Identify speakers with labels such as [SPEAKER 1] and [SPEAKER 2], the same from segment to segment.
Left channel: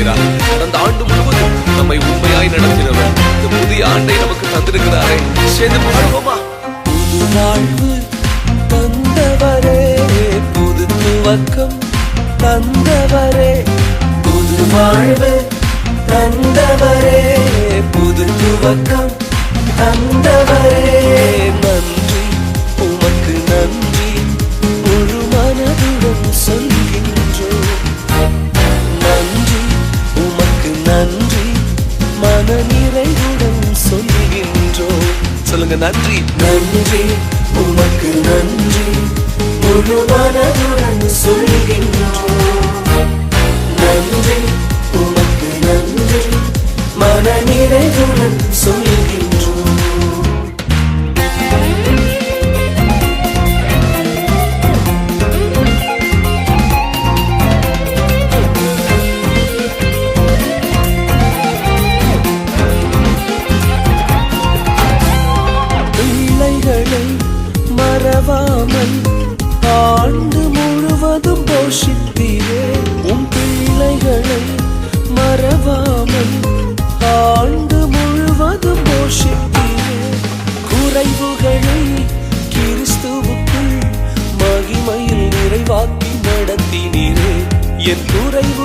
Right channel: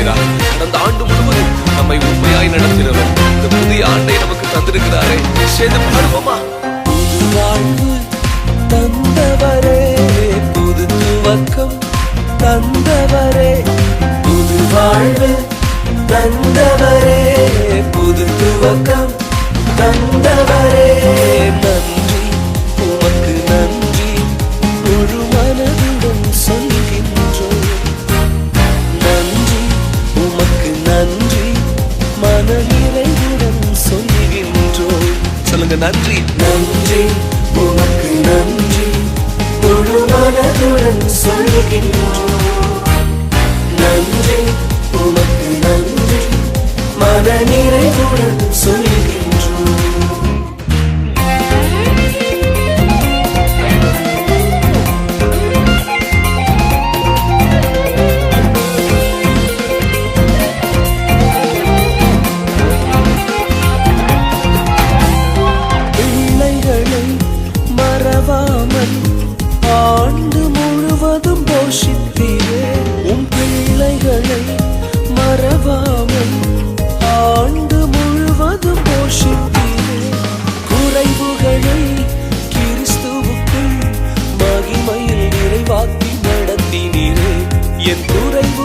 [SPEAKER 1] செய்கிறார் கடந்த ஆண்டு முழுவதும் நம்மை உண்மையாய் நடத்தினவர் இந்த புதிய ஆண்டை நமக்கு தந்திருக்கிறாரே. சேர்ந்து பாடுவோமா? புது வாழ்வு தந்தவரே புது துவக்கம் தந்தவரே. புது வாழ்வு தந்தவரே புது துவக்கம் தந்தவரே. நன்றி சொல்லுங்க நன்றி. நன்றி உமக்கு நன்றி. முழு மனதுடன் சொல்லுகின்றோம்.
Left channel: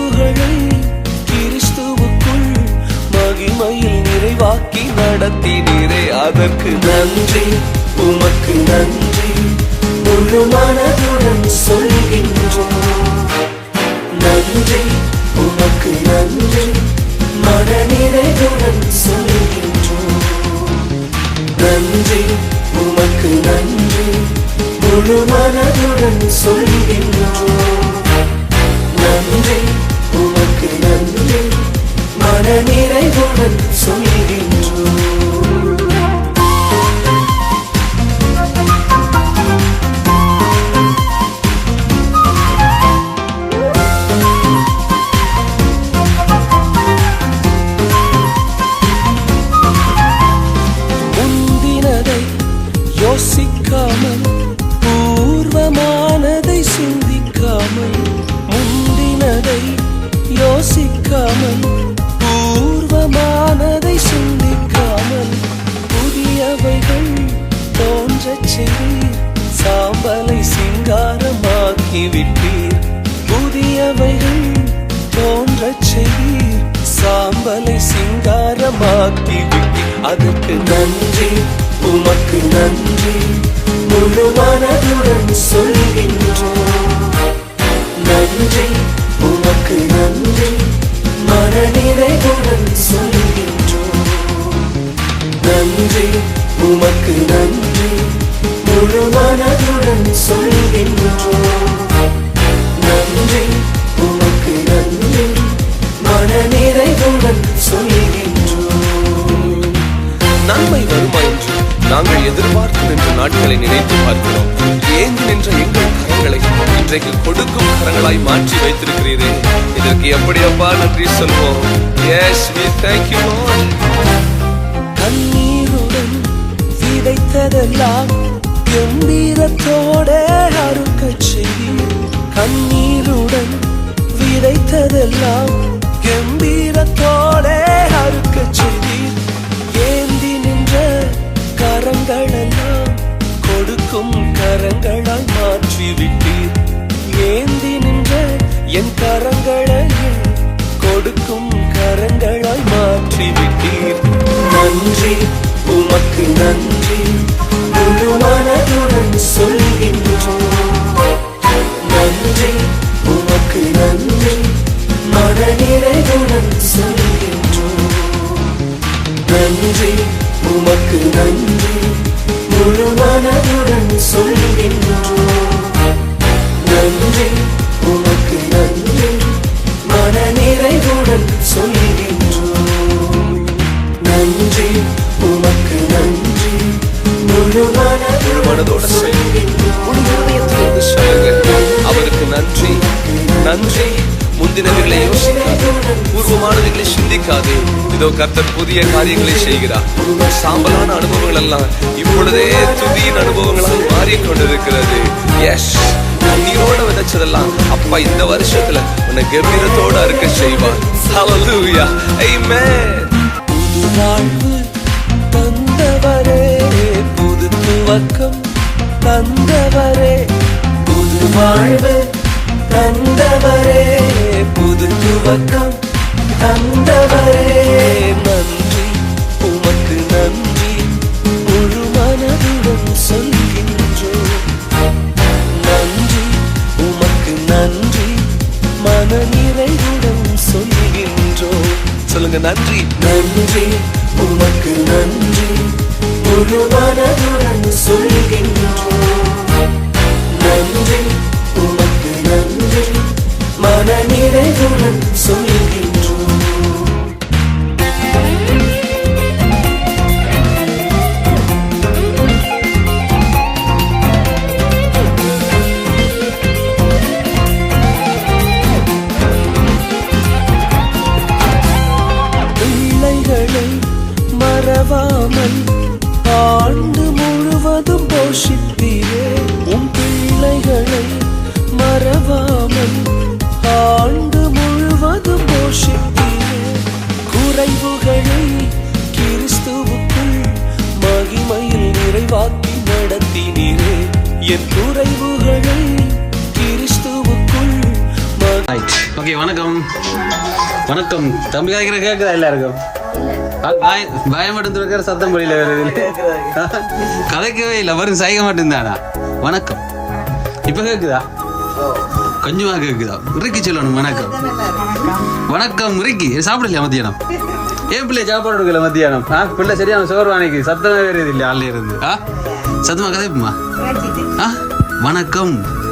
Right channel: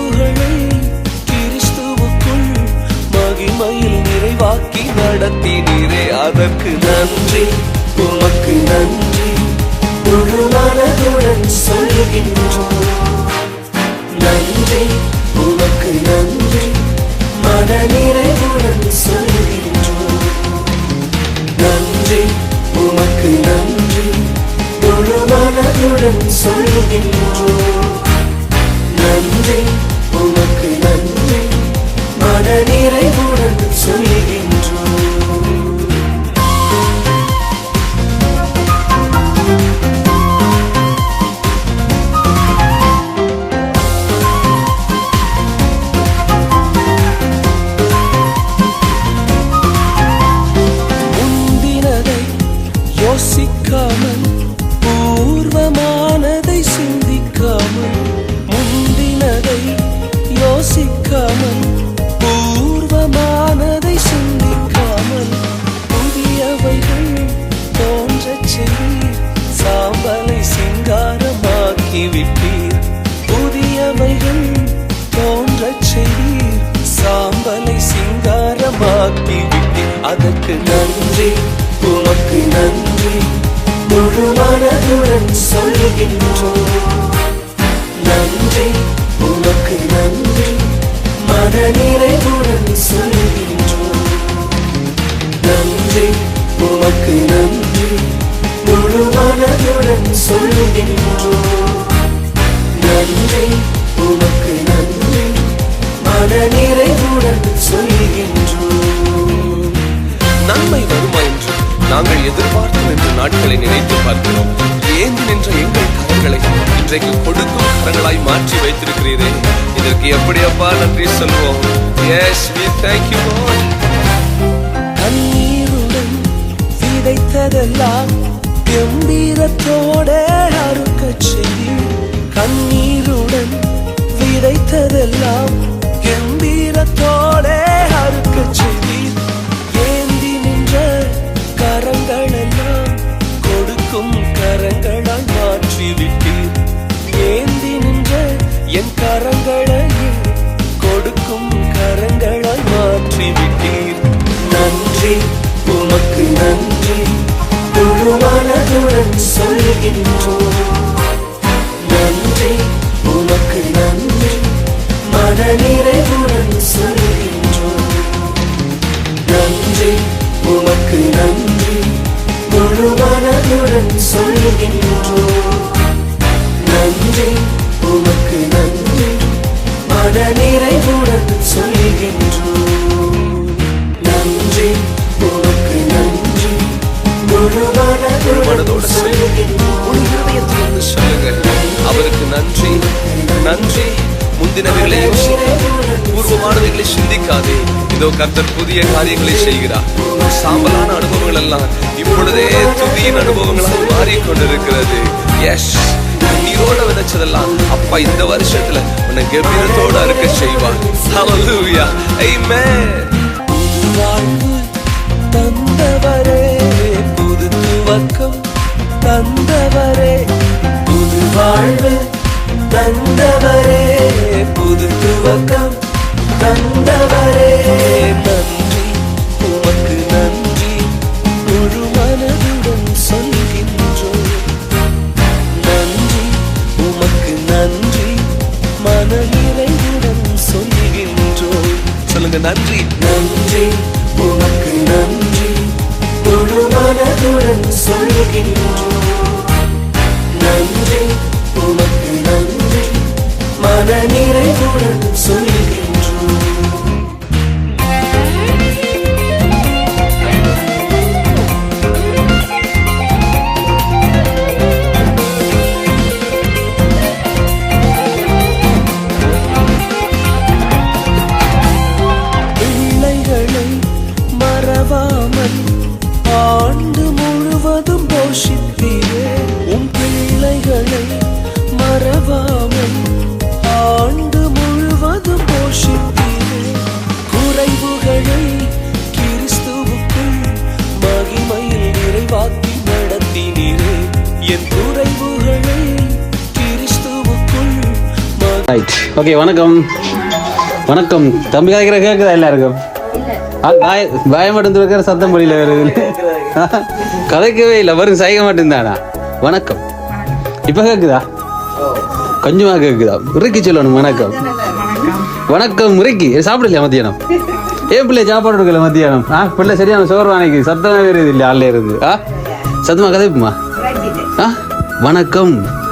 [SPEAKER 1] புகழை கிறிஸ்துவுக்குள் மகிமையில் நிறைவாக்கி நடத்தினீரே. அதற்கு நன்றி உமக்கு நன்றி. முழு மனதுடன் சொல்லுகின்றோம். நன்றி உமக்கு நன்றி. மன நிறைவுடன் சொல்லுகின்றோம். நன்றி உமக்கு நன்றி. முழு மனதுடன் சொல்லுகின்றோம். நன்றி உனக்கு நன்றி. மன நிறைவுடன் சொல்கிறேன். நன்றி முழு மனதுடன் சொல்கின்றோம் நன்றி உமக்கு நன்றி மன நிறைவுடன் சொல்கின்றோம் நன்மை வருமா என்று நாங்கள் எதிர்பார்த்து நின்ற நாட்களை நினைத்து பார்க்கிறோம். ஏந்தி நின்ற எங்கள் கரங்களை இன்றைக்கு கொடுக்கும் கரங்களாய் மாற்றி வைத்திருக்கிறீரே. இதற்கு எப்படி அப்பா நன்றி சொல்வோம். Yes you lord. கண்ணீருடன் விதைத்ததெல்லாம் கம்பீரத்தோட அறுக்க செய்தி. கண்ணீருடன் விதைத்ததெல்லாம் கம்பீரத்தோட அறுக்க செய்தி. ஏந்தி நின்ற கரங்களெல்லாம் கொடுக்கும் கரங்களால் மாற்றி விட்டீர் ஏந்தி நின்ற என் கரங்களையே கொடுக்கும் கரங்களால் மாற்றி விட்டீர் நன்றி. உமக்கு நன்றி. முழு மனதுடன் சொல்கின்றோம். நன்றி உமக்கு நன்றி. மன நிறைவுடன் சொல்கின்றோம். நன்றி உமக்கு நன்றி. முழு மனதுடன் சொல்கின்றோம் நன்றி முந்தினவைகளை யோசிக்காது. பூர்வமானவைகளை சிந்திக்காதே. இதோ கர்த்தர் புதிய காரியங்களை செய்கிறார். சாம்பலான அனுபவங்கள் எல்லாம் இப்பொழுதே துதியின் அனுபவங்களாய் மாறிக்கொண்டிருக்கிறது. எஸ் கண்ணீரோட விதைச்சதெல்லாம் அப்பா இந்த வருஷத்துல உன்னை கம்பீரத்தோட இருக்க செய்வார். Hallelujah. Amen. புது வாழ்வு தந்தவரே புது துவக்கம் தந்தவரே. புது வாழ்வு தந்தவரே. புது துவக்கம் தந்தவரே நன்றி. உமக்கு நன்றி. முழு மனதுடன் சொல்கின்றோம். நன்றி. உமக்கு நன்றி. மன நிறைவுடன் சொல்கின்றோம். சொல்லுங்க நன்றி. நன்றி. உமக்கு நன்றி. முழு மனதுடன் சொல்கின்றோம். மன நிறைவுடன் சொல்கின்றோம்
[SPEAKER 2] ஓகே வணக்கம். வணக்கம். தம்பி காய்க்கிற கேட்குதா எல்லாருக்கும்? ஆ, பாய பாயம் மட்டும் இருக்கிற சத்தம் முடியல வேறு கதைக்கவே இல்லை. வரும் சைக மட்டும்தானா? வணக்கம். இப்போ கேட்குதா கொஞ்சமாக கேட்குதா முறைக்கு சொல்லணும். வணக்கம். வணக்கம் முறைக்கு சாப்பிடலையா மத்தியானம்? ஏன் பிள்ளை சாப்பாடு கொடுக்கல மத்தியானம்? ஆ பிள்ளை சரியான சோறு வாங்கி சத்தமே வருது இல்லை. ஆள்ல இருந்து. ஆ சத்தமாக கதைப்புமா? ஆ வணக்கம்.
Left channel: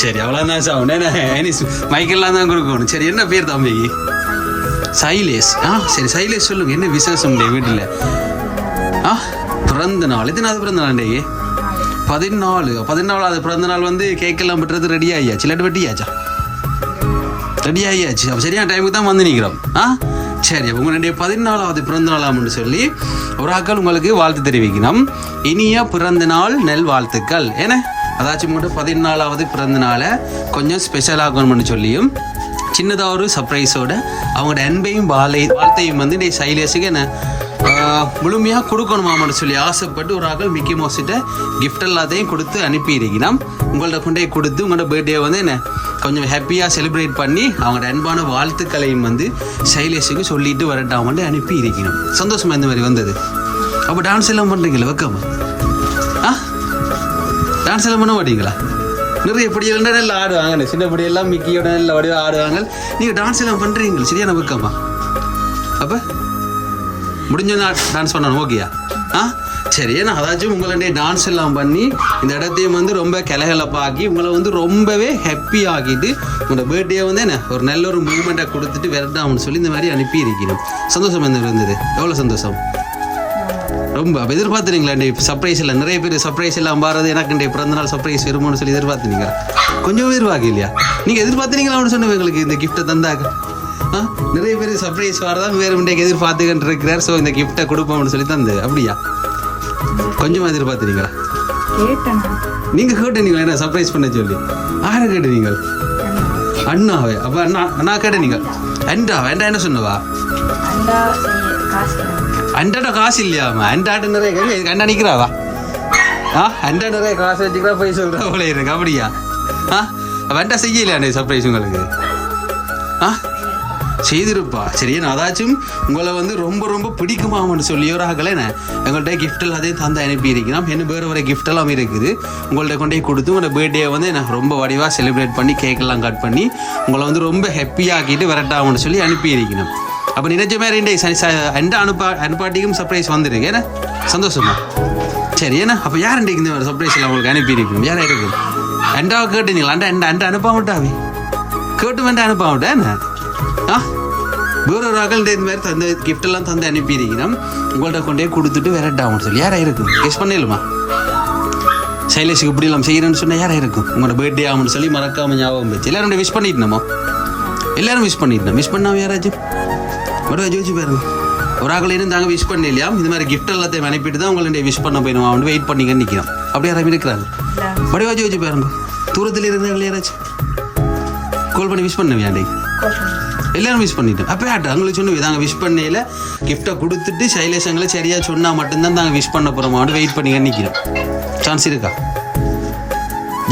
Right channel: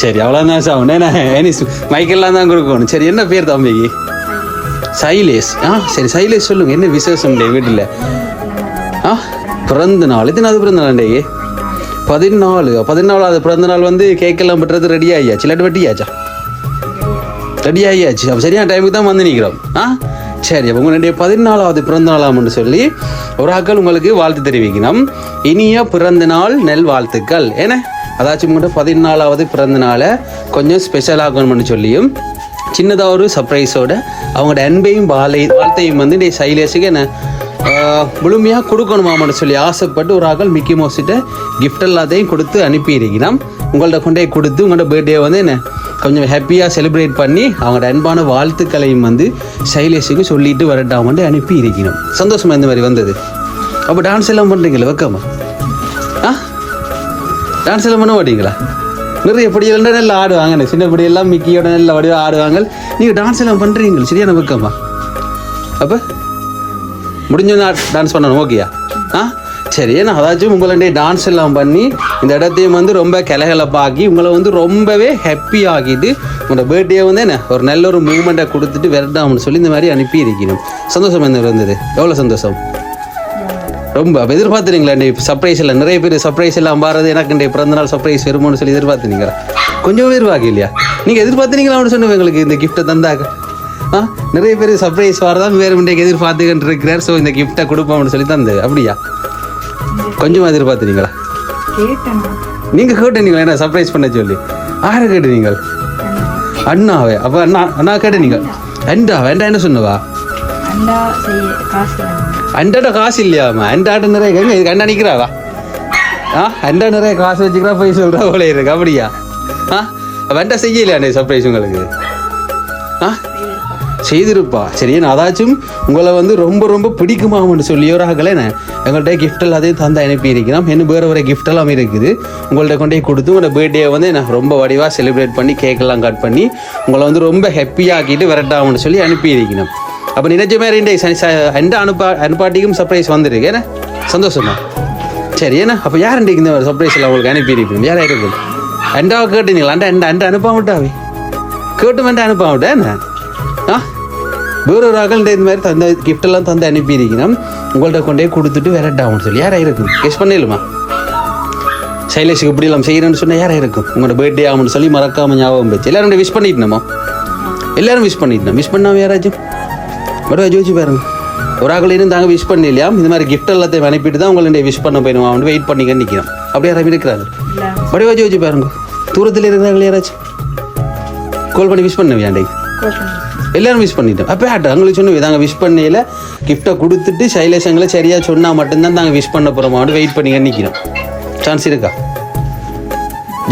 [SPEAKER 2] சரி அவ்வளோதான் சாப்பிடும் என்ன எனி மைக்கெல்லாம் தான் கொடுக்கணும் சரி என்ன பேர் தம்பி? சைலேஷ். ஆ சரி சைலேஷ் சொல்லுங்க. என்ன விசேஷம் டே வீட்டில்? ஆ பிறந்த நாள். எத்தனாவது பிறந்த நாள் டே பதினாலு. பதினாலாவது பிறந்த நாள் வந்து கேக்கெல்லாம் பெற்றது ரெடி ஆகியாச்சு. இல்லாட்டி வெட்டியாச்சா? ரெடி ஆகியாச்சு. அப்போ சரியான டைமுக்கு தான் வந்து நிற்கிறோம் ஆ சரி அப்போ உங்களுடைய பதினாலாவது பிறந்த நாளாம்னு சொல்லி ஒரு ஆக்கள் உங்களுக்கு வாழ்த்து தெரிவிக்கணும். இனிய பிறந்த நாள் நெல் வாழ்த்துக்கள் ஏன்னா அதாச்சும் மட்டும் பதினாலாவது பிறந்த நாளை கொஞ்சம் ஸ்பெஷல் ஆகணும்னு சொல்லியும் சின்னதாக ஒரு சர்ப்ரைஸோட அவங்களோட அன்பையும் வாழை வாழ்த்தையும் வந்து நீ சைலேஷுக்கு என்ன முழுமையாக கொடுக்கணுமாமன்னு சொல்லி ஆசைப்பட்டு ஒரு ஆக்கள் மிக்கி மோசிட்ட கிஃப்ட் எல்லாத்தையும் கொடுத்து அனுப்பியிருக்கலாம் உங்கள்ட்ட கொண்டே கொடுத்து உங்களோட பர்த்டே வந்து என்ன கொஞ்சம் ஹாப்பியாக செலிப்ரேட் பண்ணி அவங்களோட அன்பான வாழ்த்துக்களையும் வந்து சைலேஷுக்கு சொல்லிட்டு வரட்டாமட்டு அனுப்பி இருக்கணும் சந்தோஷமாக இந்த மாதிரி வந்தது. அப்போ டான்ஸ் எல்லாம் பண்ணுறீங்களா வெக்கமா? டான்ஸ் எல்லாம் பண்ண மாட்டீங்களா? நிறைய படியெல்லாம் நல்லா ஆடுவாங்க சின்ன படியெல்லாம் மிக்கியோட நல்லா வடிவா ஆடுவாங்க நீங்கள் டான்ஸ் எல்லாம் பண்ணுறீங்களா சரியான வெக்கமா அப்போ முடிஞ்சோன்னா டான்ஸ் பண்ணணும் ஓகேயா ஆ? சரி நான் அதாச்சும் உங்களுடைய டான்ஸ் எல்லாம் பண்ணி இந்த இடத்தையும் வந்து ரொம்ப கிளகலப்பாக்கி உங்களை வந்து ரொம்பவே ஹாப்பி ஆக்கிட்டு உங்களோட பர்த்டே வந்து என்ன ஒரு நல்ல ஒரு மூமெண்ட்டை கொடுத்துட்டு விரட்டாம்னு சொல்லி இந்த மாதிரி அனுப்பி இருக்கணும் சந்தோஷம் என்ன இருந்தது? எவ்வளோ சந்தோஷம்? ரொம்ப எதிர்பார்த்துறீங்களா இந்த சர்ப்ரைஸ் எல்லாம்? நிறைய பேர் சர்ப்ரைஸ் எல்லாம் பாரது எனக்கு இந்த பிறந்தநாள் சர்ப்ரைஸ் வருமோன்னு சொல்லி எதிர்பார்த்துனீங்க. கொஞ்சம் எதிர்பார்க்க இல்லையா? நீங்கள் எதிர்பார்த்துறீங்களான்னு சொன்னேன் உங்களுக்கு இந்த கிஃப்ட்டை தந்தாக்க? ஆ? நிறைய பேர் சர்ப்ரைஸ் வரதான் வேறு இன்றைக்கு எதிர்பார்த்துக்கிட்டு இருக்கிறார் ஸோ இந்த கிஃப்ட்டை கொடுப்போம்னு சொல்லி தந்தது அப்படியா? கொஞ்சமா எதிர்பார்த்துறீங்களா? நீங்கள்? கேட்டீங்களா என்ன சர்ப்ரைஸ் பண்ண சொல்லி? ஆரை கேட்டீங்க அண்ணாவே. அப்போ அண்ணா அண்ணா கேட்டீங்க அண்டா வேண்டாம் என்ன சொன்னவா? அண்டாட்ட காசு இல்லையாமா அண்டாட்ட நிறைய எங்க இதுக்கு ஆ அண்டா நிறைய காசு வச்சுக்கிறா போய் சொல்கிறா போல இருக்கு. அப்படியா? ஆ அண்டா செய்யலையா சர்ப்ரைஸ் உங்களுக்கு? ஆ செய்திருப்பா. சரி நான் அதாச்சும் உங்களை வந்து ரொம்ப ரொம்ப பிடிக்குமாமன்னு சொல்லி ஒரு எங்கள்கிட்ட கிஃப்ட் எல்லாத்தையும் தந்து அனுப்பி இருக்கிறோம் இன்னும் வேறு வேறு எல்லாம் இருக்குது. உங்கள்கிட்ட கொண்டு போய் கொடுத்து உங்களோட பர்த்டே வந்து நான் ரொம்ப வடிவாக செலிப்ரேட் பண்ணி கேக்கெல்லாம் கட் பண்ணி உங்களை வந்து ரொம்ப ஹாப்பியாக்கிட்டு விரட்டாமன்னு சொல்லி அனுப்பி இருக்கணும் அப்போ நினைச்ச மாதிரி இந்த ச- எந்த அனுப்பா அனுப்பாட்டிக்கும் சர்ப்ரைஸ் வந்துருக்கு. ஏன்னா? சந்தோஷமா? சரி ஏன்னா? அப்போ யார் இன்றைக்கு இந்த சர்ப்ரைஸ் எல்லாம் உங்களுக்கு அனுப்பி யார் யாரா இருக்கும் அண்டாவை கேட்டீங்களா? அண்டா அண்டா அண்டா அனுப்ப விட்டாவே கேட்டு வந்து அனுப்பாமட்டா என்ன? ஆ? வேற ஒரு ஆக்கள் இந்த மாதிரி தந்த gift எல்லாம் தந்து அனுப்பி உங்கள்கிட்ட உங்கள்ட்ட கொண்டே கொடுத்துட்டு விரட்டாகும் சொல்லி. யாராக இருக்கும் கெஸ் பண்ணிடலுமா சைலேஷுக்கு இப்படி எல்லாம் செய்கிறேன்னு சொன்னால் யாரா இருக்கும்? உங்களோட பர்த்டே ஆகும்னு சொல்லி மறக்காம ஞாபகம் வச்சு. எல்லாரும் விஷ் பண்ணிட்டோமா எல்லாரும் விஷ் பண்ணிட்டோம் விஷ் பண்ணாம யாராச்சும்? ஒரு ஜோதிச்சு பாருங்க. ஒரு ஆக்கள் இருந்தாங்க விஷ் பண்ண இல்லையா? இந்த மாதிரி கிஃப்ட் எல்லாத்தையும் அனுப்பிட்டு தான் உங்களுடைய விஷ் பண்ண போயிடும் அவன் வெயிட் பண்ணிக்க நிற்கிறான் அப்படியே யாரும் இருக்கிறாங்க? வடிவா ஜோதிச்சு பாருங்க. தூரத்தில் இருக்கிறாங்களே யாராச்சும்? கால் பண்ணி விஷ் பண்ண. வேண்டே எல்லாரும் விஷ் பண்ணிட்டோம். அப்போ ஆட்டு அவங்களுக்கு சொன்ன தாங்க விஷ் பண்ணையில் கிஃப்ட்டை கொடுத்துட்டு சைலேஷங்களை சரியா சொன்னால் மட்டும்தான் தாங்க விஷ் பண்ண போகிறோமான்னு வெயிட் பண்ணி நிற்கிறோம் சான்ஸ் இருக்கா?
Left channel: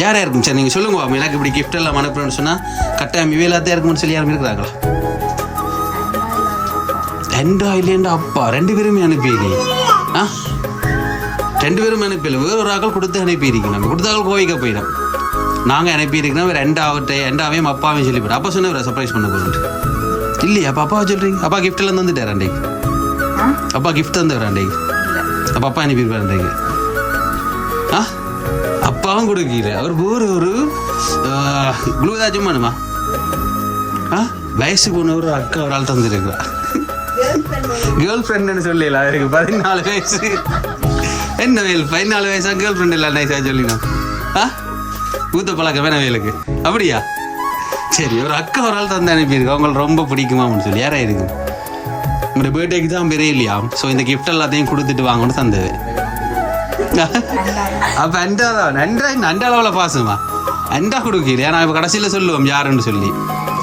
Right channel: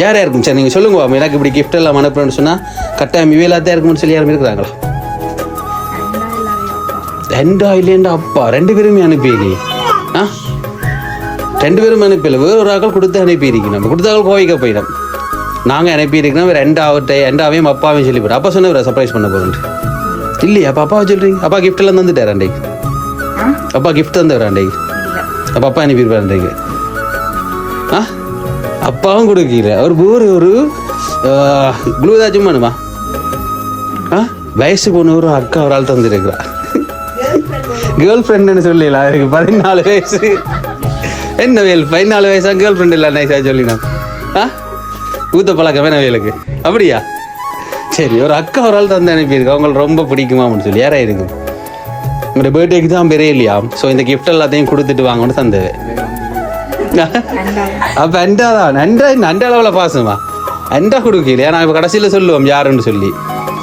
[SPEAKER 2] யார் யாருக்கும் சரி நீங்கள் சொல்லுங்க. எனக்கு இப்படி gift எல்லாம் அனுப்புறேன்னு சொன்னால் கட்டாயம் இவையிலாத்தான் இருக்கும்னு சொல்லி யாரும் இருக்கிறாங்களா? ரெண்டா இல்லையண்டா அப்பா ரெண்டு பேருமே அனுப்பியிலே ஆ ரெண்டு பேரும் அனுப்பியில வேறு ஒரு ஆக்கள் கொடுத்து அனுப்பியிருக்கணும் நம்ம கொடுத்தாக்கள் கோவிக்க போயிடும் நாங்கள் அனுப்பியிருக்கோம் ரெண்டு ரெண்டாவட்டை ரெண்டாவையும் அப்பாவையும் சொல்லி போகிறோம் அப்பா சொன்ன சர்ப்ரைஸ் பண்ண போகிறோம் இல்லையா அப்பா அப்பாவை சொல்கிறீங்க அப்பா கிஃப்ட்லாம் தந்துட்டார் அண்டைக்கு அப்பா கிஃப்ட் தந்துடுற அண்டைக்கு அப்பா அப்பா அனுப்பியிருப்பார் அண்டைக்கு ஆ அப்பாவும் கொடுக்கல அவர் ஒரு ஒரு க்ளூ பண்ணுமா ஆ வயசு பொண்ணு ஒரு அக்கா ஒரு ஆள் தந்துருக்குறா கேர்ள் ஃப்ரெண்டுன்னு சொல்லலாம் எனக்கு பதினாலு வயசு. என்ன வேல்? பதினாலு வயசா? கேர்ள் ஃப்ரெண்ட் இல்லை நைஸா சொல்லினோம் ஆ? ஊத்த பழக்கம் வேணா வேலுக்கு. அப்படியா? சரி ஒரு அக்கா ஒரு ஆள் தந்து அனுப்பியிருக்கு. அவங்களுக்கு ரொம்ப பிடிக்குமா அப்படின்னு சொல்லி. யாராக இருக்கும் உங்களோட பர்த்டேக்கு தான் பெரிய இல்லையா? ஸோ இந்த கிஃப்ட் எல்லாத்தையும் கொடுத்துட்டு வாங்கன்னு தந்தது. அப்போ அண்டா தான். அண்டா நண்ட அளவில் பாசமா? அண்டா கொடுக்கலையா? நான் இப்போ கடைசியில் சொல்லுவோம் யாருன்னு சொல்லி.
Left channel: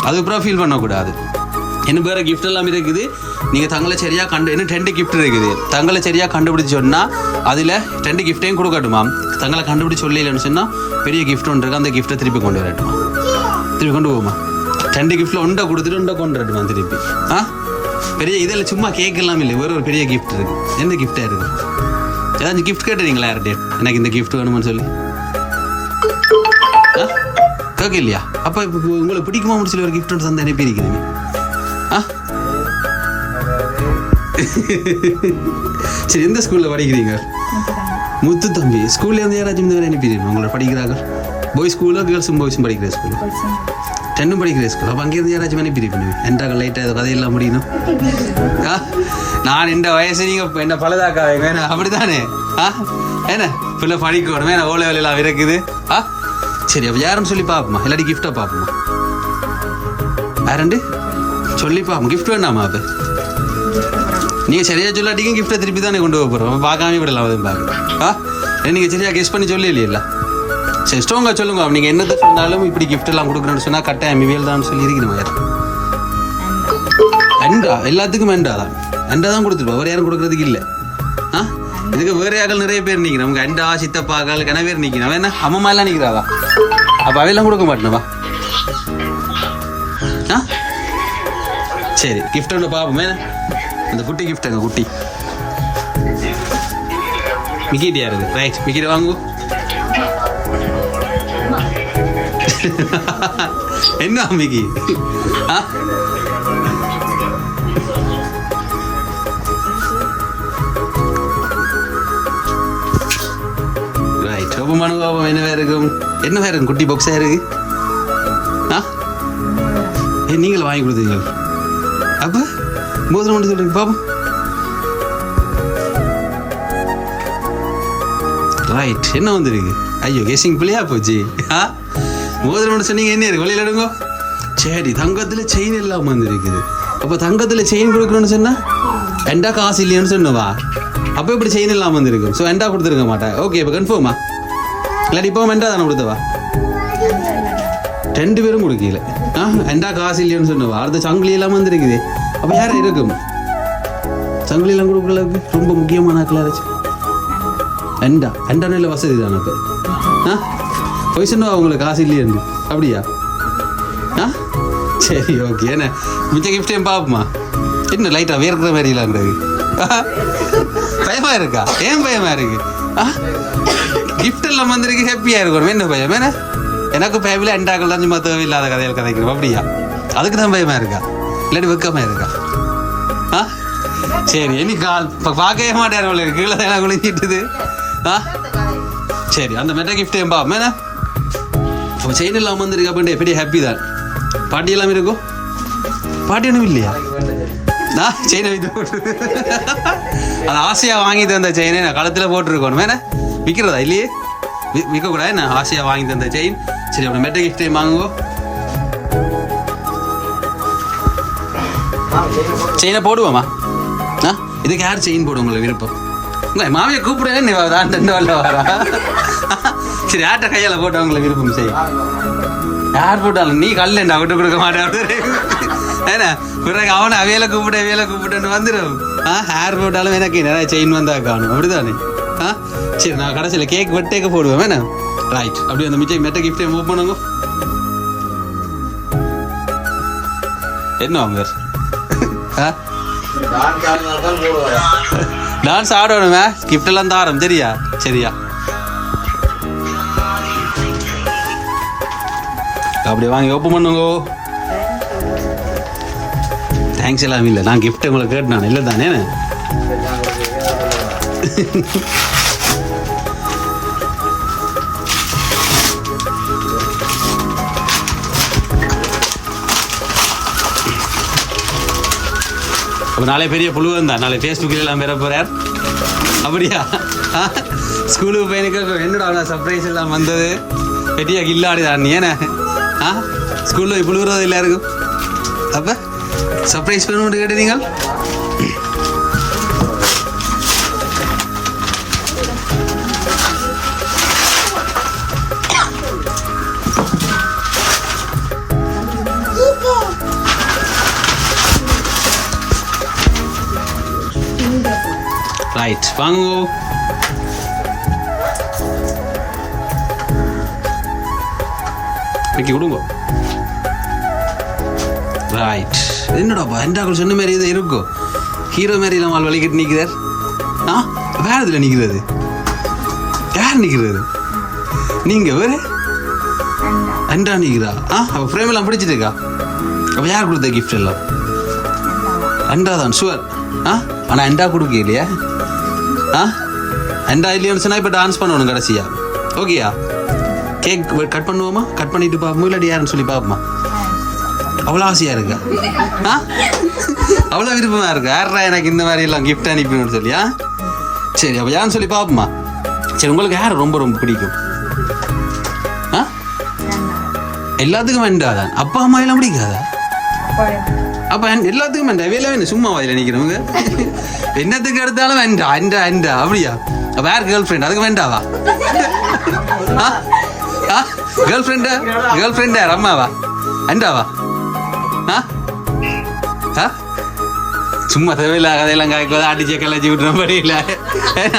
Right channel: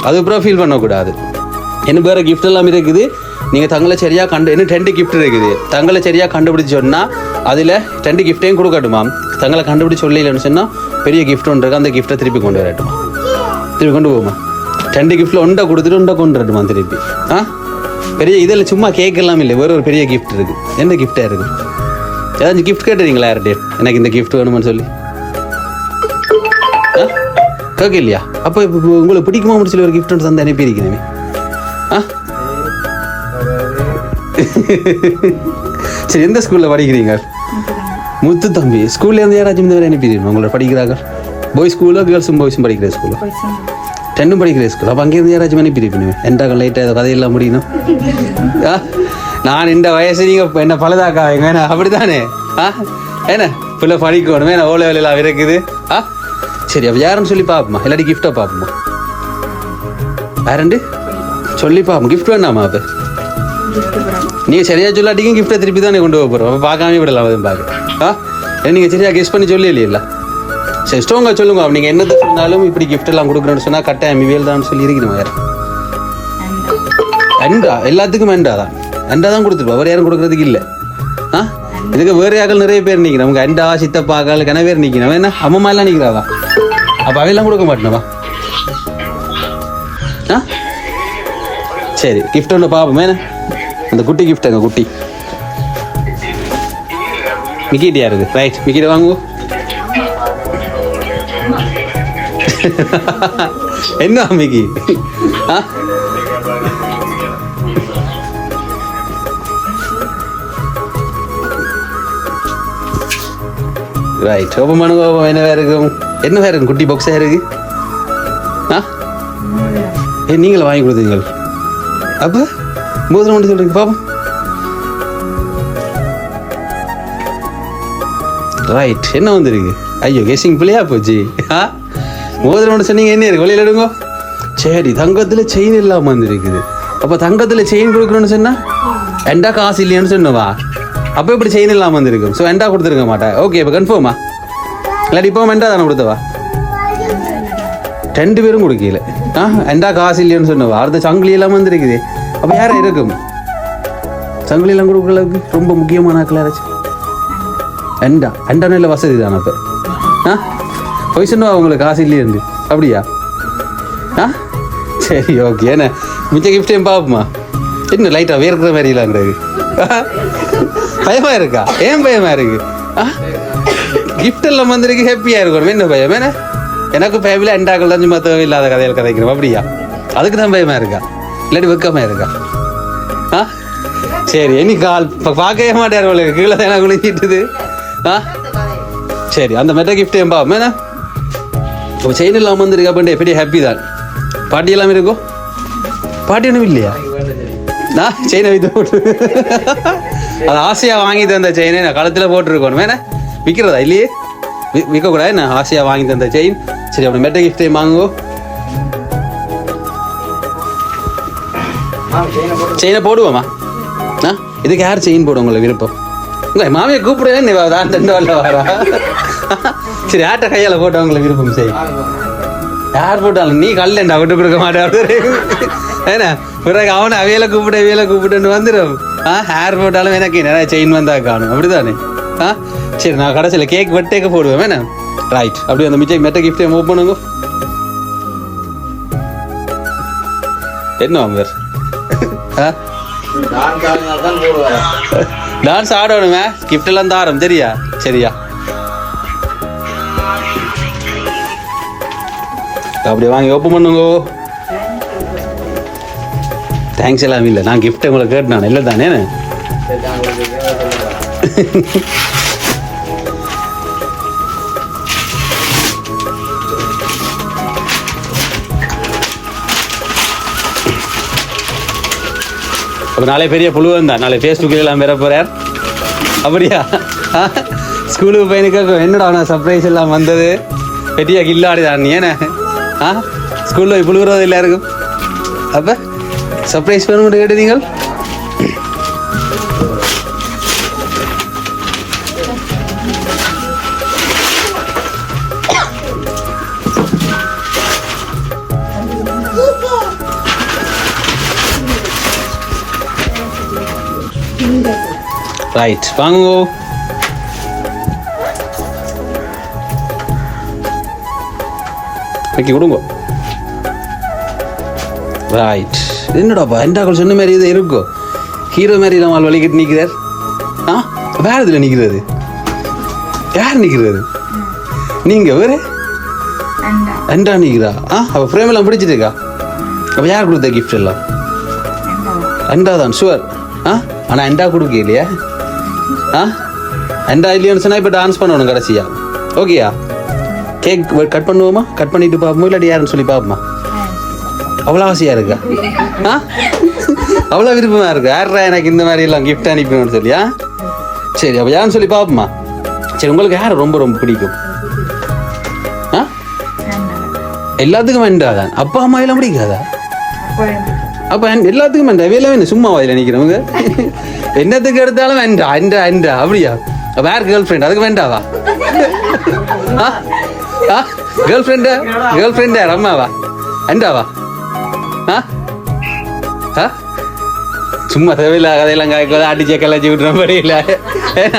[SPEAKER 2] அதுக்கப்புறம் ஃபீல் பண்ணக்கூடாது. என்ன வேறு கிஃப்ட் எல்லாம் இருக்குது? நீங்கள் தங்களை சரியாக கண்டு இன்னும் ரெண்டு கிஃப்ட் இருக்குது? தங்களை சரியாக கண்டுபிடிச்சி சொன்னால் அதில் ரெண்டு கிஃப்ட்டையும் கொடுக்கட்டுமா? தங்களை கண்டுபிடிச்சி சொல்லலன்னு சொன்னால் பெரிய கிஃப்ட் ஒன்று இருக்கு அந்த கிஃப்ட்டை திருப்பி கொண்டு வரட்டுமா? திருப்பி கொண்டு போகுமா? ரெண்டு கிஃப்ட்டில் ஒன்றை கொடுத்துட்டு ஒன்றை கொண்டு வரட்டுமா திருப்பி? ஆ? பெரிய இதில் சும்மா கேட்கலாம் இல்லை வேற ஒரு பெரிய கிஃப்ட் இருக்கு. என்ன கிஃப்டாக இருக்குது ஏதாச்சும் கிஃப்ட் கேட்டுறீங்களா யார்கிட்டயும் எனக்கு இந்த கிஃப்ட் வேணுமான்னு சொல்லி. கேட்க இல்லையா அப்போ இப்போ உங்களுக்கு பிடிக்குமா முடிச்சு ஒரு கிஃப்ட் ஒன்று தந்து அனுப்பியிருக்கிறேன் சரி எந்த ஸ்கூலில் படிக்கிறீங்க? முத்து தம்பி. ஸ்கூல்ல இருந்து யாராச்சும் இந்த மாதிரி அனுப்பிடுங்க உங்களை படிக்கிறாங்க. பாய்ஸ் ஸ்கூலோ கேர்ள்ஸும் பாய்ஸும் படிக்கிற ஸ்கூலோ டென்னும் படிக்கிற ஸ்கூல் அப்போ அங்கேருந்து யாராச்சும் அனுப்பியிருப்பீங்க என்டாக லைட்டாக கதையெல்லாம் முடியணும். நான் இந்த வயசு நீங்கள் என்ன பழுதாக்கா? என்ன? அப்படித்தானே? ஆ? என்ன? பிள்ளை படிக்கணும் என்ன ஓலை வேலையெல்லாம் இருக்குது? ஆ? சரி அப்போ யாருன்னு சொல்லி பார்ப்போமா இல்லாட்டி கிஃப்டாக பார்ப்போமா யாருண்டு சொல்லி பார்ப்போம் கிஃப்ட் வேணாமா அப்போ? நீங்கள் சரியாக சொல்லாட்டிக்கும் கிஃப்ட்டை திருப்பி தானே கொண்டு போக போகிறோம் பார்க்காம விடலாம் அதுவும் பார்க்க ஆ? நீங்கள் சரியா கெஸ் பண்ணி சொல்லி இல்லையா சரி ஸ்ட்ராங்காக சொல்லுங்க. நீங்கள் என்னது சொன்னாலும் இப்படி கிஃப்ட் எல்லாம் கொடுக்குறேன்னு சொன்னால் கட்டாயம் இவியல் தான் சொல்லி இருக்கணும் யார் அண்டா? எல்லாத்துக்கும் அண்டா தான். அண்டா தான் கொடுத்துருப்பா. வேறு யாரும் கொடுக்கறதுக்கு இல்லை. ஆ? இதுக்கு வேறு யாக்கள் நிறைய பேர் நிற்கிறோம் நமக்கு அண்டா சித்தப்பாக்கள் கணவேர் பேர் நிற்கிறோம் என்ன? அம்மா எல்லாம் நிற்கிறாதா அப்போ அவையெல்லாம் கொடுக்க மாட்டேனவா ஆ? சரி கிஃப்ட் ஒன்று பார்ப்போம். என்ன? அந்த குட்டி கிஃப்ட் அங்க குட்டி? மிக்கிட்டு யாருது ரைட் மிக்கிட்ட வாங்குவோம் என்ன மிக்கி? ஆ? ரைட் ரொம்ப மனுகோபம் என்னவா இருக்கும்? என்னவா இருக்கும்? குட்டி பாக்ஸா இருக்கு? ஆ? ஏ நீங்களும் வாங்கி கொடுத்தீங்க அப்போ? மோதிரம் மட்டும் சொல்றீங்க பாப்போம் ரைட் என்ன வந்திருக்கு? ஐயோ கெஸிங் பிள்ளையா போச்சு. ஆ? மோதிரம் மட்டும் சொன்னீங்க என்ன இருக்கு? வெளியில எடுங்க. சரி தங்கத்தில் செயின் இல்லாமல் வந்திருக்குது. அப்போ தங்கத்தில் செயின் கொடுக்கணும்னு சொன்னா? எண்டா காசு இல்லையான்னு சொன்னவா? அப்போ இப்படி செயின் இல்லாமல் வந்திருக்கும். ஸோ எண்டா கொடுத்துருக்க மாட்டேன். ஓகே இப்போ கன்ஃபார்மா இல்லாட்டி இப்போ எண்டா தானே கொடுத்தவா? ரெண்டு பேரும் கொடுக்கல. ஆ? எண்டா காசு இல்லையான்னு சொன்னவா? அடுத்த சங்கிலி இல்லாமல் வந்திருக்குது. அப்போ யார் இருக்கும் சங்கிலி எல்லாம் கொடுக்குற அளவுக்கு ரொம்ப முக்கியமான ஆக்கள் யாராச்சும்? அண்டா. அண்டா நல்ல வசதி தானே அப்போ? ஆ? போய் அவங்களுக்கு உங்களுக்கு காசு இல்லையே இருந்து. அப்படியா? ஆ? சரி ஓகே என்ன? மிச்ச கிஃப்டையும் பார்ப்போமா என்ன லைட்டாக வேர்க்கிற மாதிரி இல்லாங்கிறது பயமா இருக்கா? ஏன் பயமா இருக்கு ஆ? கிஃப்ட் எல்லாம் வந்திருக்கு ஹாப்பியாக இருக்கணும். என்ன பயம்? என்ன? எனக்கு பயமில்லை அண்டாக்கள் தான் சும்மா தேவையில்லாத கதையில் கதைக்கிறோம். அப்படியா? அதுக்கு தான் பயமா இருக்கா? இல்லாட்டி வெக்கமா இருக்கா? ஆ? சரி இனி கால் இப்போ பார்க்கவே மாட்டார் உங்களுக்கு கீழே தானே குளிக்கிட்டுது ஆ? சரி அந்த மெட்ட கிஃப்ட் ஏன் பாப்போம் இப்போ செயின் இல்லாமல் வந்திருக்கா அப்படின்ட்டு எப்படி ஹாப்பி தான். பாட்டி எல்லாம் இருக்கும் பாட்டி ஒன்றும் இல்லையா? நான் செயினை வைத்து போட்டு. அது ஆசையாக வாங்கி தந்த செயினை நான் களத்தில் போட்டிருக்கணும். வேணா விற்கிறதா இல்லையே? விற்கக்கூடாது என்ன? ஆசையாக வாங்கி தந்த செயின் சரி அப்புறம் மெட்ட கிஃப்டே வாங்குவோம் செயினை போடுவோமா? ஆ? இதுக்கு யார் செயின் போடும் உங்களுக்கு விருப்பம்? உங்க மாமியை கூப்பிடுறேன் நீ தான் ரெண்டு வரல வரா சரி யார்கிட்ட கையால் போட்டு உங்களுக்கு விருப்பம் சரி. யார் போட்டாலும் நீ கல்ல விட்டு கொடுக்க மாட்டேன் ஏன்னா பிறகு அவனை அவையில கூப்பிட்டு அவையில கூப்பிட்டுன்னு வந்துடும். ஆ ஹேர் போட்டாலும் எனக்கு நிறைய செயின் வந்தா காணும் அப்படிதானே? ஆ? சரி நான் கடைசியில் கேக் வெட்டேக்க போடுவேன் வேணா ரைட் அப்படி அந்த மிச்சம் மெட்ட கிஃப்டே மூவ் பண்ணுங்க. என்ன அவங்க ஆ டான்ஸ் ஆடணுமே. கிஃப்ட் எல்லாம் தாரம் தெரியா? சரியா. அப்படியே வாங்கி ஓப்பன் பண்ணுங்க. தேங்க்ஸ் எல்லாம் இல்லை. நான் கிஃப்ட் உங்களை கேட்டு நான் இல்லை தானே அப்போ நாளை பெரிய புழுவன் தான் நாளை ஃபேஸ்புக்கில் எல்லாம் பெற போகிறார் அப்படியா ஸ்கூலுக்கு பையனுக்கு என்னடா நான் சர்ப்ரைஸ் எல்லாம் வந்தது? பெரிய கில்லாடிதான் நீ. ஏன? ஆ? ஸ்கூலில் போய் எல்லாருக்கும் அப்போ சர்ப்ரைஸ் பண்ண கேட்டு நீங்கள் ரைட் வாங்கோ வைக்க கொடுங்க. ரைட் என்னடாப்பா என்டாக்கள் சொன்ன மாதிரி இது இருக்கும். ஹீரோ மாதிரி நம்ம வலிக்கிட்டு நிற்கிறார். ஆ? வேற இதில் நிற்கிறது? யார் நிற்கிறது? நீங்க வேறு? அண்டா நிற்கிறா? ஆ? அப்போ ஃப்ரேம் எல்லாம் பிடிச்சிருக்கா அப்போ யார் கொடுத்த கிஃப்ட் எல்லாம்? அண்டா தான் ஷுவர் ஆ? ஆனால் அண்டா கொடுக்க இல்லையா? ஆ? அண்டா இல்லையோன்னு சொன்னால் இப்போ டான்ஸ் பண்ணணும் கடைசியா? ஓகேயா? கேக் கட் பண்ணுவோமா? கட் பண்ணிட்டு பார்ப்போம்? இல்லாட்டி யாருன்னு சொல்லி பார்ப்போமா? அவ்வளோ ஆசையா இருக்கா? ஆ? அவ்வளோ விருப்பமா இருக்கு? யாரா எனக்கு இந்த மாதிரி எல்லாம் கிஃப்ட் அனுப்பணும்னு சொல்லியா சரி அப்போ யாருன்னு சொல்லி பார்ப்போமா? சரி உங்களுக்கு யார் ரொம்ப ரொம்ப பிடிக்கும்? ஆ? எல்லாத்துக்கும் வேண்டாதான் அப்பா அம்மா எல்லாம் பிடிக்காதா?
[SPEAKER 3] அப்பா
[SPEAKER 2] எல்லாத்துக்கும் வேண்டாம் வேலை வேணும் சும்மா வாயில நிக்கிறவங்க? என்னத்துக்கு எடுத்தாலும் வேண்டா அண்டா அண்டா அப்படியா? வேற கேர்ள் ஃப்ரெண்ட் அதுக்கு வேண்டாவா? கேர்ள் ஃப்ரெண்டா கேர்ள் ஃப்ரெண்டா அம்மாவா அண்டாவா சும்மா தேவையில்ல கதையெல்லாம் காய்க்கு அடிச்ச கலாச்சி விட்டுற மாதிரி இல்லை.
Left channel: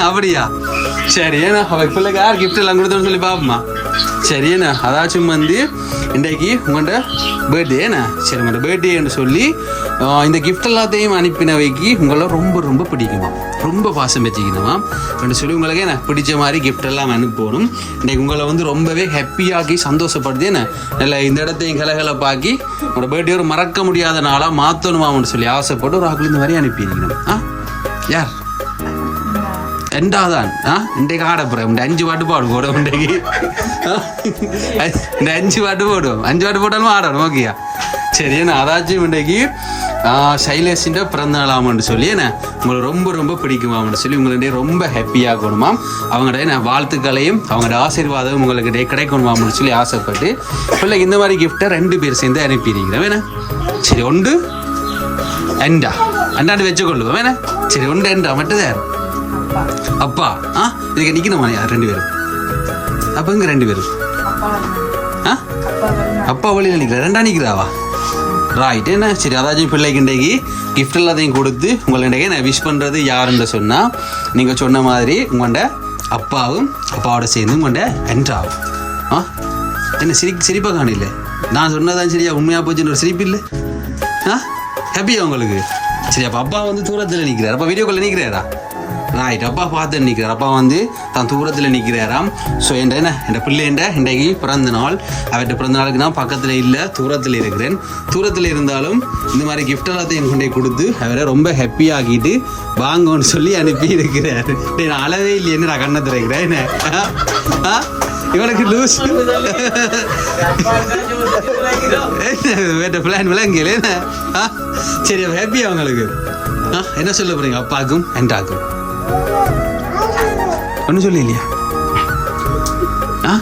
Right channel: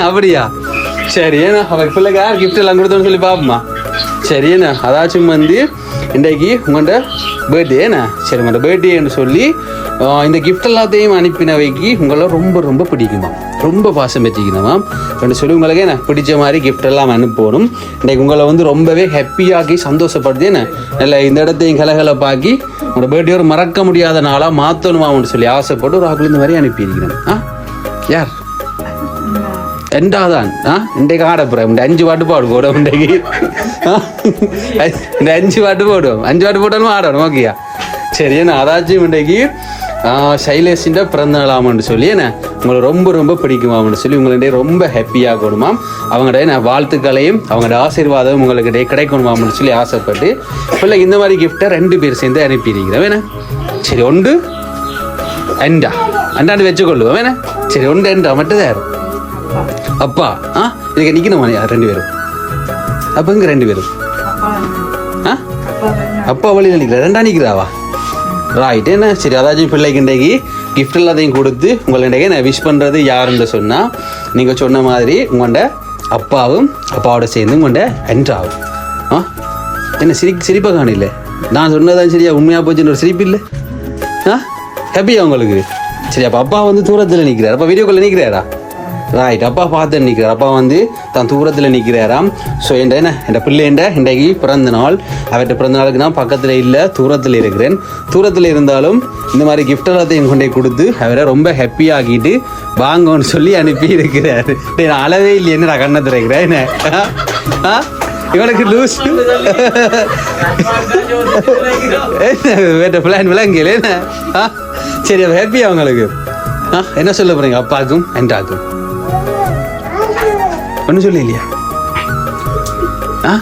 [SPEAKER 2] அப்படியா? சரி அவள் பிள்ளைக்கு யார் கிஃப்ட் எல்லாம் கொடுத்தோன்னு சொல்லி பார்ப்போமா சரி என்ன அதாச்சும் வந்து இன்றைக்கு உங்கள்கிட்ட பர்த்டே என்ன? சரி உங்கள்கிட்ட பர்த்டேன்னு சொல்லி இந்த கிஃப்ட் எல்லாத்தையும் அனுப்பினவைக்கு உங்களை ரொம்ப ரொம்ப பிடிக்குமா ரொம்ப பாசம் வச்சுக்கணுமா அப்படின்னு சொல்லி உங்களுக்கு என்ன? பிடிச்ச மாதிரி கிஃப்ட் எல்லாம் அனுப்பணும். இன்றைக்கு உங்களை வந்து ரொம்பவே ஹாப்பியாக்கி சந்தோஷப்படுத்தி என்ன? நல்ல இந்த இடத்தையும் கலகலப்பாக்கி உங்களோட பர்த்டே ஒரு மறக்க முடியாத நாளாக மாற்றணுமான்னு சொல்லி ஆசைப்பட்டு ஒரு ஆக்கள் இந்த மாதிரி அனுப்பியிருக்கிறேன். ஆ? யார்? ரெண்டாவதான் ஆ? இன்றைக்கு ஆட போகிறேன் இந்த அஞ்சு பாட்டு பாடு போடும் இன்றைக்கு. இந்த அஞ்சு பாட்டு போடுவோம் அஞ்சு பாட்டு போட்டாலும் ஆடணும் ஓகேயா சரி என்ன? அதாச்சும் இன்றைக்கு சைலேஷின் பிறந்த நாளாமன்னு சொல்லி என்ன? உங்களை ரொம்ப ரொம்ப பிடிக்குமாம்னு சொல்லி உங்களுடைய ரொம்ப ஹாப்பியாக ஹாப்பியாகணுமாம் அவங்களுடைய நான் வாழ்த்துக்களையும் அவங்களோட ஆசீர்வாதம் உங்களுக்கு கிடைக்கணுமாம்னு சொல்லி ஆசைப்பட்டு பிள்ளை இந்த மாதிரி கிஃப்ட்டை ரெண்டு பேர் சேர்ந்து அனுப்பியிருக்கிறேன் வேணா சரி ஒன்று அண்டா. அண்டாண்டு வச்சுக்கொள்ளுவோம் வேணா சரி ஒன்று அண்டா மட்டும் தான் அப்பா. ஆ? இதுக்கு நிக்கணுமா? யார் ரெண்டு பேரும். அப்ப இங்க ரெண்டு பேரும். ஆ?
[SPEAKER 3] அப்பா
[SPEAKER 2] வழியில் நிற்கிற ரெண்டா நிற்கிறாவா ரைட் என்ன? சரி அதாச்சும் பிள்ளைக்கு இன்றைக்கு கிஃப்ட் எல்லாத்தையும் கொடுத்து உங்களுடைய நான் விஷ் பண்ணுறது யாருன்னு சொன்னால் நீங்கள் சொன்ன மாதிரி உங்கள்ட அப்பாவும் அப்பாவோட சேர்ந்து உங்கள்ட என்ட்ராவும் ஆ? என்ன சிரி சிரிப்பாக காணில்ல நான் சொன்னதான் சரியா? உண்மையாக போச்சுன்னு ஒரு சிரிப்பு இல்லை? ஆ? ஹாப்பியா உங்களுக்கு? சரி அப்போ அப்பா வந்து தூரத்தில் நிற்கிறார் அப்போ வீடியோக்குள்ளே நிற்கிறாரா ரைட் அப்பா பார்த்து நிற்கிறார் அப்பா வந்து தன் தூரத்தில் நிற்கிறாராம் ஸோ என் என்ன? என் பிள்ளைண்ட இன்றைக்கு பிறந்த நாள். அவர்கிட்ட பிறந்த நாளுக்கு நான் பக்கத்தில் இல்லை தூரத்தில் இருக்கிறேன். தூரத்தில் இருந்தாலும் இந்த மாதிரி கிஃப்ட் எல்லாத்தையும் கொண்டே கொடுத்து அவரை ரொம்ப ஹாப்பியாகிட்டு வாங்கன்னு சொல்லி அனுப்பி இருக்கிறார். நான் அளவே இல்லை என்ன நான் கண்ணை திறக்கிறேன் என்ன? ஆ? இவனுக்கு லூஸ் வேட்ட பிளான் விளங்கல ஆ? சரி ஹாப்பி அவங்களுக்கு? ஆ? என்ன சொல்ல போறீங்க? அப்பாக்கும் என்டாக்கும் ஒன்றும் சொல்ல இல்லையா ஆ?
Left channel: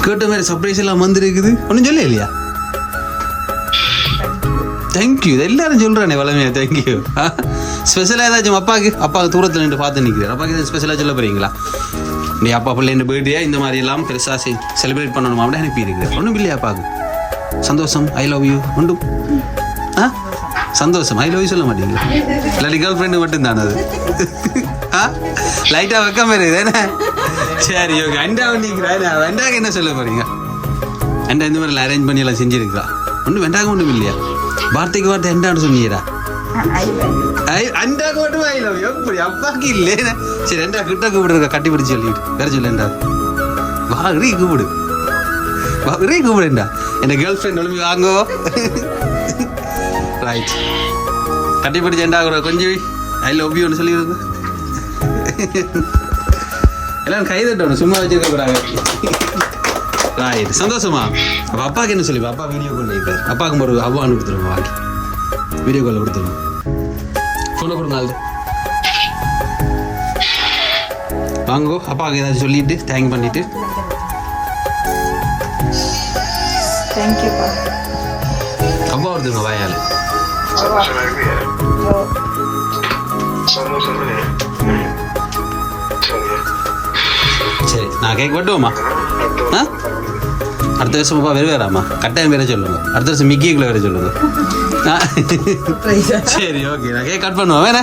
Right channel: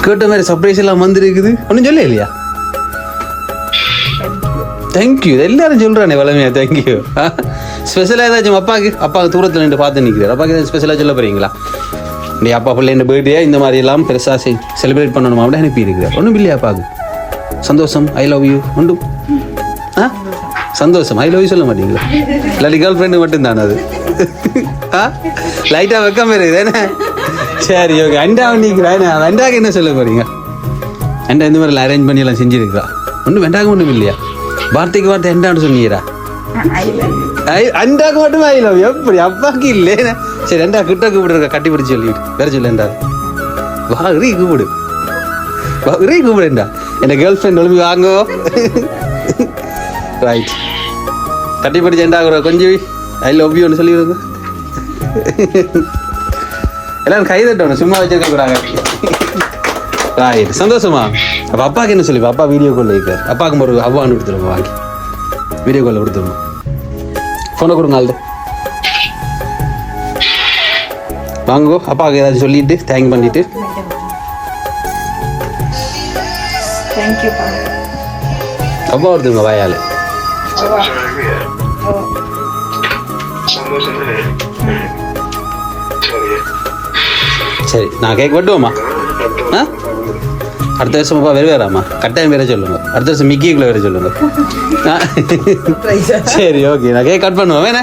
[SPEAKER 2] கேட்ட மாதிரி சர்ப்ரைஸ் எல்லாம் வந்திருக்குது. ஒன்றும் சொல்ல இல்லையா தேங்க்யூ எல்லாரும் சொல்கிறானே வளமையா தேங்க்யூ ஸ்பெஷலாக ஏதாச்சும் அப்பாவுக்கு அப்பாவுக்கு தூரத்தில் நின்று பார்த்து நிற்கிறார் அப்பாவுக்கு ஏதாவது ஸ்பெஷலாக சொல்ல போகிறீங்களா நீ அப்பா பிள்ளை இந்த பர்த்டே இந்த மாதிரி எல்லாம் பெருசாக செலிப்ரேட் பண்ணணுமா? அப்படின்னு அனுப்பியிருக்கிறார். ஒன்றும் இல்லையா அப்பாவுக்கு? சந்தோஷம். ஐ லவ் யூ ஒன்றும். சந்தோஷம். ஐ லவ் சொல்ல மாட்டீங்களா? இல்லாட்டி கேர்ள் ஃப்ரெண்டு மட்டும்தான் அது? ஆ? லைட்டாக வைக்காம இருக்குது என்ன? சரி ஓகே அண்டா நிற்கிறேன் வெண்டாக்கு என்ன? சொல்ல போகிறீங்க அண்டா இந்த மாதிரி அரேஞ்ச் பண்ணி எல்லாம் ஒன்றும் வெண்டாக ஒன்றும் இல்லையா? வார்த்தைக்கு வார்த்தை அண்டான்னு சொன்னீரா
[SPEAKER 3] ஐ
[SPEAKER 2] அண்டாக்கு மட்டும் ஐ லவ் எப்படி? அப்பாக்கு இல்லை சரி ரெண்டா கிட்ட கூப்பிடுறத கட்டி பிடிச்சி சொல்லிட்டு. வேற சொல்லேன்டா வா ரீ கூப்பிடு. வா ரீ கூப்பிடுண்டா என் கேர்ள் ஃப்ரெண்ட் ஒழுங்கு வாங்கோ. ரைட் கட்டி பிடிச்சு எண்டா கொஞ்சம் ஐ லவ் யூன்னு சொல்லிடுங்க எல்லாரும் கை தட்டணும் சும்மா வச்சிருக்க கூடாது. ரைட் சந்தோஷமா? அப்ப அப்பாக்கு என்ன சொல்லி அப்பா வீடியோ கால் இருக்கார் அப்பாவுக்கு ஒரு அவ்வான்னு கொடுத்துருங்க வாங்கி. வீடியோ காலில் கொடுத்துருங்க ஃபோனை கொடுங்க ஆள்கிட்ட வாங்கோ அப்பாவுக்கு ஏதாச்சும் சொல்லிட்டு தேங்க் பண்ணிட்டு. அப்பா ஒருத்தங்க வாயால். சரி நான் கேக் வெட்டுவோமா ஆ? அடுத்த வருஷம் அப்பா வேறு வேறாமா கட்டாயம் வேற சொல்லுங்க. அடுத்த வருஷம் மிக்கிக்குள்ளே வேற சொல்லுங்க. சரி ஓகே நான் கேக் கட் பண்ணுவோம். வேணா?